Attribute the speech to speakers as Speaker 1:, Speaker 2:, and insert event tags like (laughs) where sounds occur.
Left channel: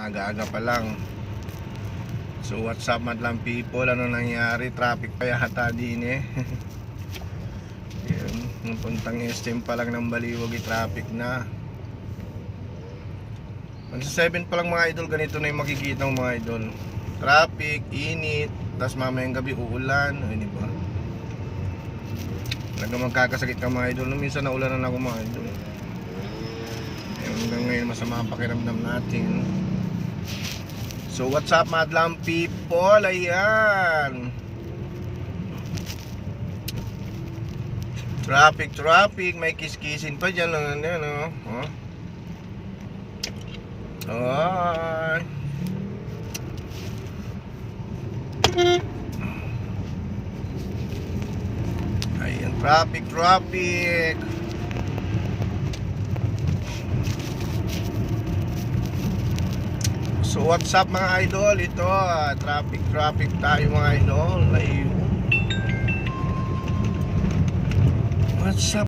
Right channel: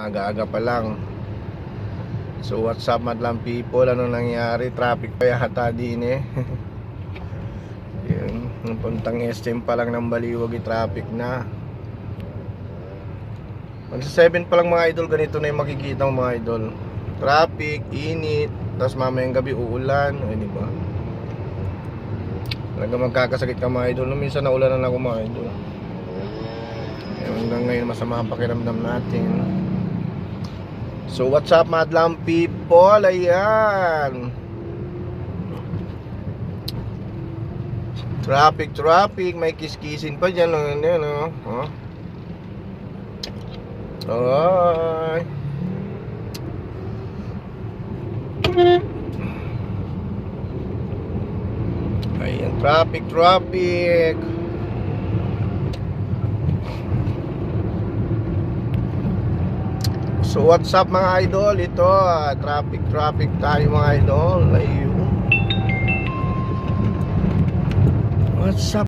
Speaker 1: Aga-aga pa lang. So what's up madlang people? Ano nangyari? Traffic pa yata din eh. (laughs) Yun, nung puntang SM pa lang ng Baliwag, eh, traffic na. Sa 7 pa lang mga idol, ganito na yung makikita mo mga idol. Traffic, init, tapos mamayang gabi uulan, di ba? Talaga magkakasakit ka mga idol. Nung minsan naulanan ako mga idol. Eh, hanggang ngayon masama ang pakiramdam natin. So what's up madlang people? Ayan. Traffic, traffic. May kiskisin pa dyan. Ano, ano, ano. Oh. Ay. Ayan, traffic, traffic. So what's up mga idol? Ito, ah, traffic, traffic tayo mga idol. Ayun. What's up?